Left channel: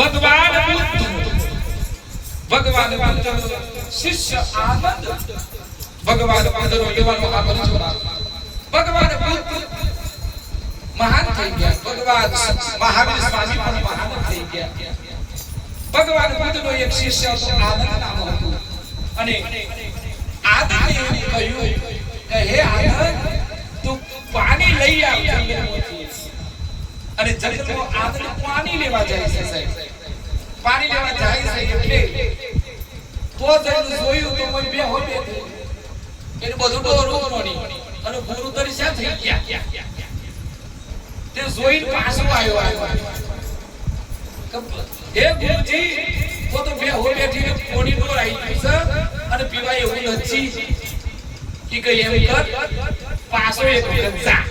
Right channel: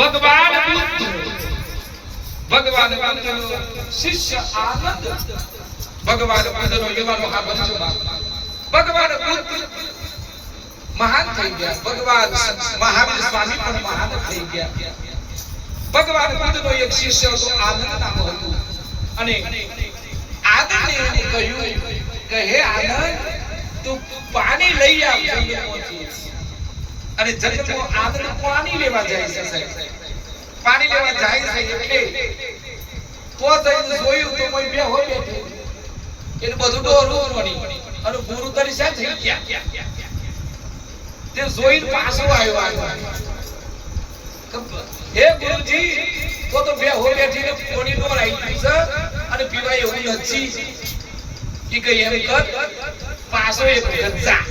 ભગવાન બુદ્ધ શિષ્ય આનંદ ભગવાન બુદ્ધનો એવા મહાપરિશ્રમ ભગવાન બુદ્ધ મહાન થઈ ગયા ભગવાન મહાવીર સ્વામી પણ મહાન થઈ ગયા ભગવાન બુદ્ધનો એક શિષ્ય હતો આનંદ નામ હતું અને આનંદે કહ્યું કે હે આનંદ તું પાણી લઈ આવ જંગલમાંથી અને જંગલમાં આનંદ પાણી લેવા જાય છે સાહેબ પાણી લેવા જાય છે એટલે તો જઈને જોયું તો કોઈ બે હોય બેઠે એને બધું ડોરું રોણી અને ગુરુ તરી શા થઈ ગયા તે જોઈને પાછો આવ્યો હે ગુરુજી તો બે હોય બેઠીને પાણી ડોર આવી છે અને પીવા એવું નથી કે કઈ એમ કર પાછો એક જા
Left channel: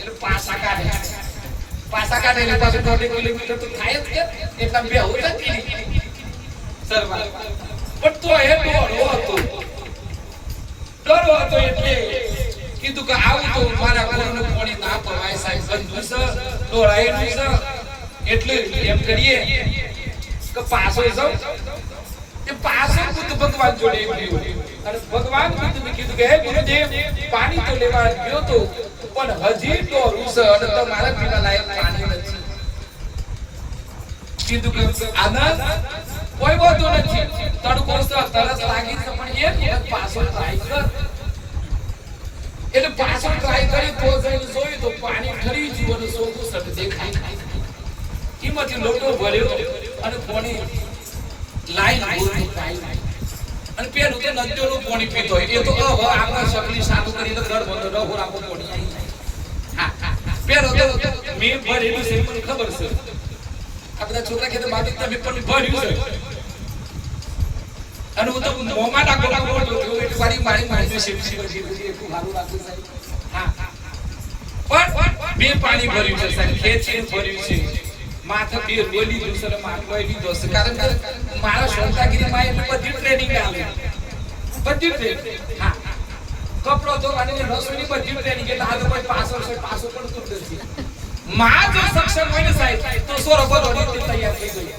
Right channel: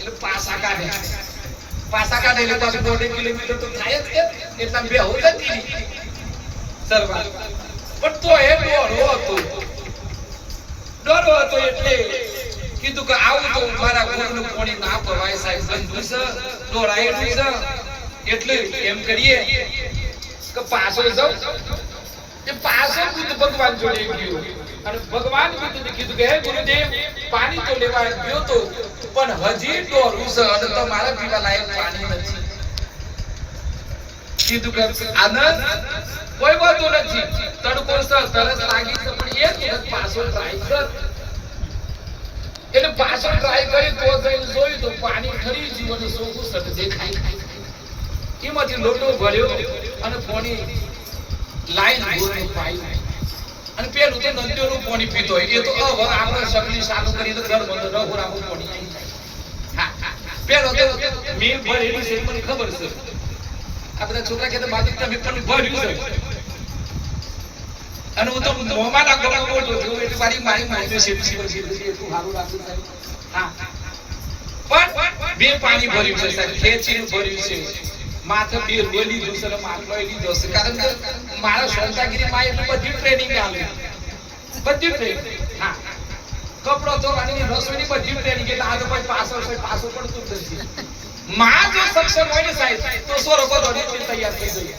એટલે પાછા કાઢે એટલે પાછું 1.5 કિલોમીટર તો થાય જ કે એટલા બે હોય જ સરવા પણ તો એ ડરો હતો એટલે કીધું કે આવું તો મારા ઘરનું પાણી ના પવાય સાહેબ બંધુ છે ડોળાયેલું છે એટલે એમ કરીએ કે પાછો જાવ એ પાછો બુદ્ધ ભગવાન જોડે ગયો અને ભગવાન બુદ્ધને કીધું કે હે ગુરુદેવ પાણી તો લેવા ગયો તો પણ હજી ડોરું છે અને તમારા પીવા લાયક પાણી નથી કીધું કે આનંદ કોઈ વાતો નથી તડકો છે તરસ લાગી છે પણ એ પાછો ટ્રાય કર એટલે પાછો ટ્રાય કર્યો તો જઈને જોયું તો પાણી ખરી જીવન સોગું સટ દેખાય એમાંથી લોટો ભર્યો અને પાણી લાઈન બોલતો પાઈ અને પેલું તો નદીઓનું પાણી પીતો હોય એ તો હવે આપણે શકલી સાનું કરીને ઘર બંધ રહો રાખો પાણી આવી જાય પેલો તો મેં ભરેલું છે મને ખબર છે આ બધા છોકરા ખેતર બાકી તમે પણ ભર્યું છે અને હું તો મોમાં ના ગોળા બોલ જો એટલે મારી સેફટી એટલું સારું રાખું સાહેબ હા પણ બે પાણી ભર્યું છે સાહેબ ખેંચીને ભર્યું છે માથે બે રોલી દુસરે માથે લીધો છે કારણ કે મારા સંતાગીરી માં એટલી બધી ટ્રેનિંગ આલે બધી ટ્રેનિંગ હા કપડો ધોવાની રસોઈની બધી ટ્રેનિંગ એટલે આ તો કોઈ પાછો પડતું નથી માં જો સક્ષમ હોય ને સાહેબ તો સોરો બધો રીતે તૈયાર થઈ જાય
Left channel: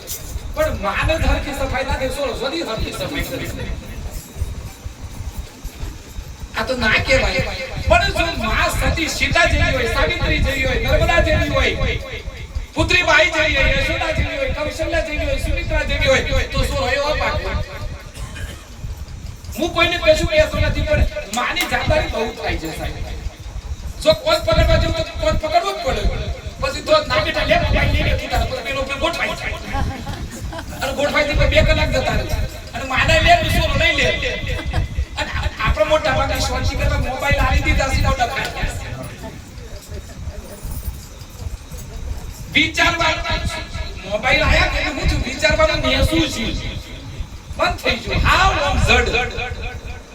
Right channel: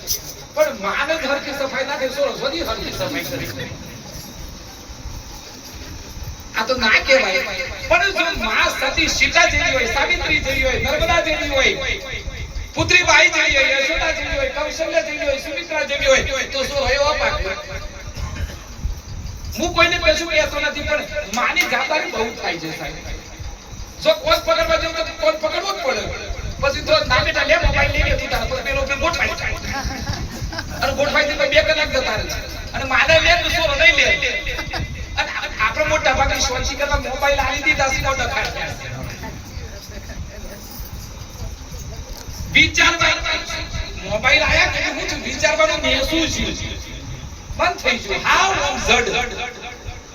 પણ માને હરખી સફાઈ ના થાય સોરો સોરી હરખી સફાઈ કરે આ તો ના કહેવાય પણ જો માં સતી સીતા જેવી હોય સાવિત્રી જેવી હોય નર્મદા જેવી હોય પુત્રી બાઈ જેવી હોય યશોદા જેવી હોય કૌશલ્યા જેવી હોય સુમિત્રા જેવી હોય તો સોરો એવો પાક હું કોઈને કશું કહેતો નથી પણ માની જવાબદારી બહુ થાય છે સાહેબ જો કોઈ પકડવા જો તો કોઈ પકડવો જ પડે પછી તો ના બેટા લે મોબાઈલ લઈને તું તાર પેલો ઉપર ગોઠવાઈ થાય અને ગોઠવાઈ તો 2 કલાક જતા રહે અને માને લે સોરો નહીં લે અને આપણે મોટા ભાગે સોચી કરવા મોબાઈલ આવી દીધા સીધા ખાય વિચારવા મોબાઈલ આયા કે હું વિચારવાનું નેસું છું બંધ થઈ ગયું હાવ જડ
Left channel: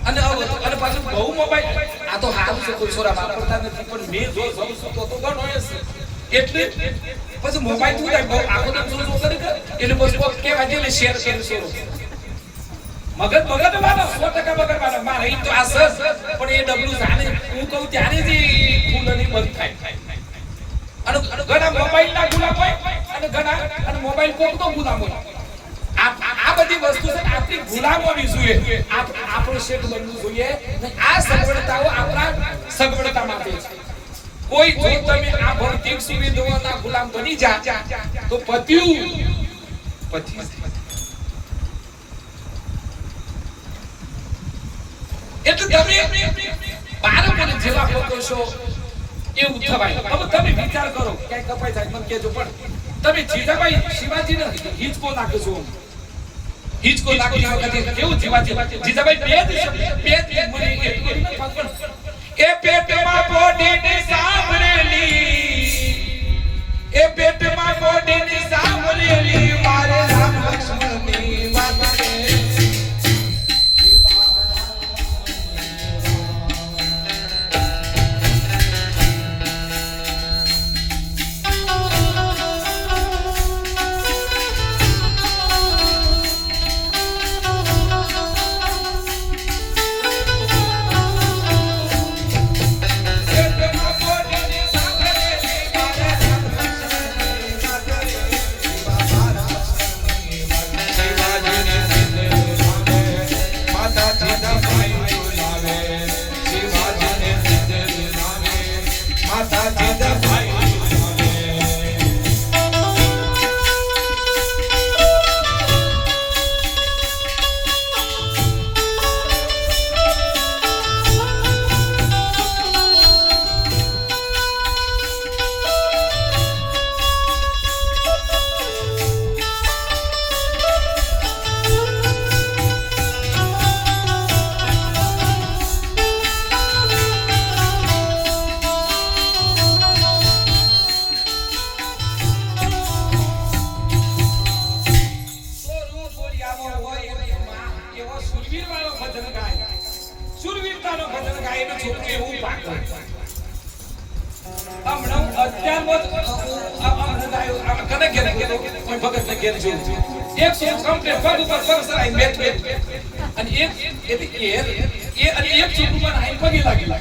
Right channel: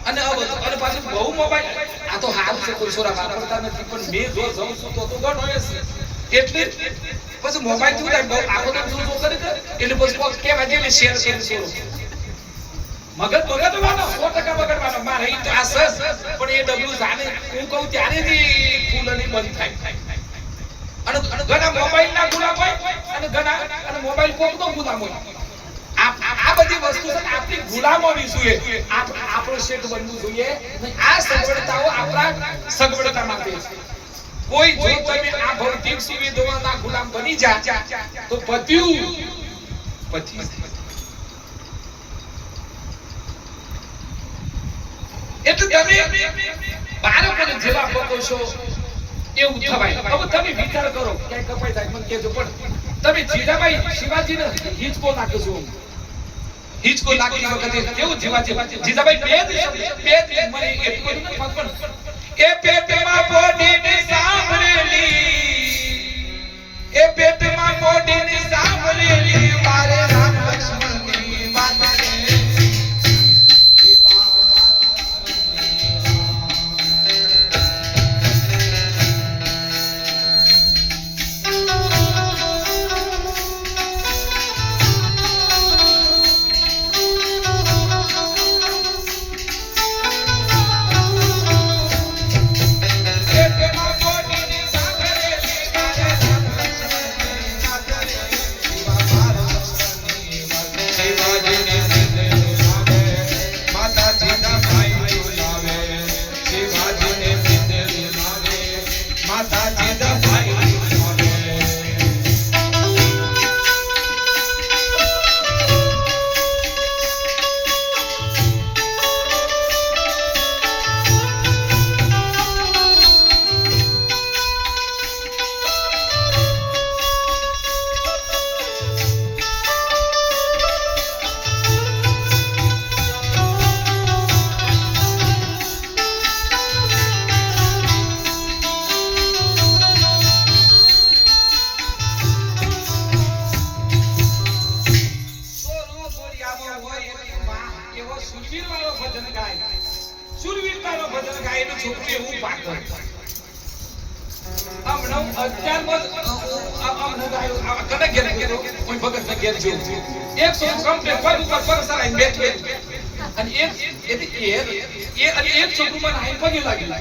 અને પાછું બહુ મોબાઈલ આ તો હાલ છે કોઈ છોરા વાપરતા નથી પણ મે જો જઉં છું તો ગણ હોય છે એટલે પછી મોબાઈલ તું બહુ આખો તો જો કરી દે એટલે પછી કોક કેવા જેને શેર છોરો મગજ વાળો 100% બગડવાનો મારે ઈ તો આ સસ પણ એ ડબલું જાણે હું કહું ત્યારે જ ફૂલની બંધ થાય અને ઘણા મોબાઈલ ના ગુલામ હોય અને ઘણા અને મોબાઈલ કોક તો ગુલામ હોય આ બધી વસ્તુ છે આપણી ગુલામોની જોઈએ આપણો શેખ બનવું જોઈએ આ સગવડતાઓ આપણા સગવડતા માટે છે કોઈ જો તમે આ ભૌતિક સુવિધાઓના ગુલામ બની જા તો પત્યું એટલે તમે બાળકોને જેવા લોકો છો એવું થવાય હવે તમે વિચાર કરો ક્યાંય કપાઈ જાય મને કહેજો પણ તમે જીજાબાઈ શિવાજીને હિચકો નાખશો હિચકો નાખી વખતે કેવું જીજાબાઈ બે જ મને એટલું ન ખબર એ પેટમાં બોડીની સાંભળેલી એ પેટમાં બોડીની સાંભળેલી મારે રામ લક્ષ્મણની વાત એનું છોકરું એવું પાકે હમણાં અત્યારમાં કને ઘેર ગયો કોઈ ભગત ને ઘેર જેવું એક છોકરું કમ્પ્લેટ પગ ઉપર પગ સરાઈ બેઠો અને એક છોકરું મને આઈ પગે લાગી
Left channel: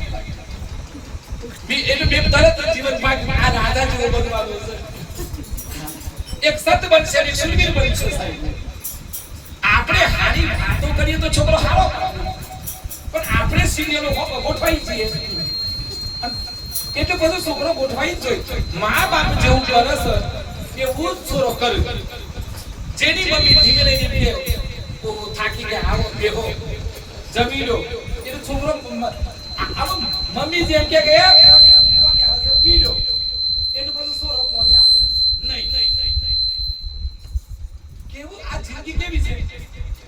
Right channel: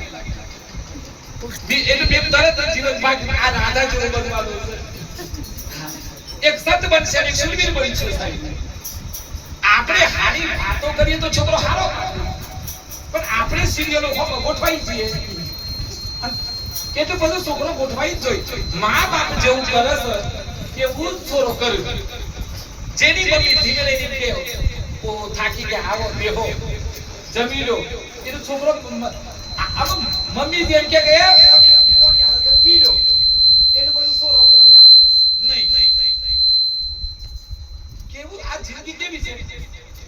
એટલે મેં તરત જીવન ભાગ આ રાધા જેવો બદલાવો છે એક સત બનશે એક સુરવીર બનશે સાહેબ આપણે હારી વાતો કરીએ તો છોકરો હારો પણ આપણે સિરિયલો ગોઠવાઈ જઈએ એટલે બધું છોકરો ગોઠવાઈ જ જોઈએ મા બાપ જેવું કરે છે એવું જ છોરો કર્યું જેની મમ્મી ધીમે રહીને કે ઓ થાકી ગયા આવો બેહો જમી લો એટલે છોકરો મમ્મી જેમ કે પી લો એટલે બધું છોરો પાણી આવે નહીં કેવું આ જિંદગી કેવી છે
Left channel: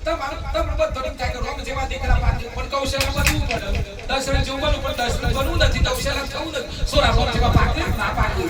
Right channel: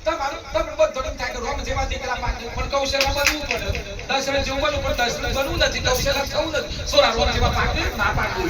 તમારું બધું થાય કે રોમ જેવા દીકરા પાકે પણ કૌશલ્ય બનવું પડે દર્શન જેવું બનવું પણ દર્શન બનવું નથી કૌશલ્ય થવું નથી સોરા રોમ જેવા પાકે ના પાકે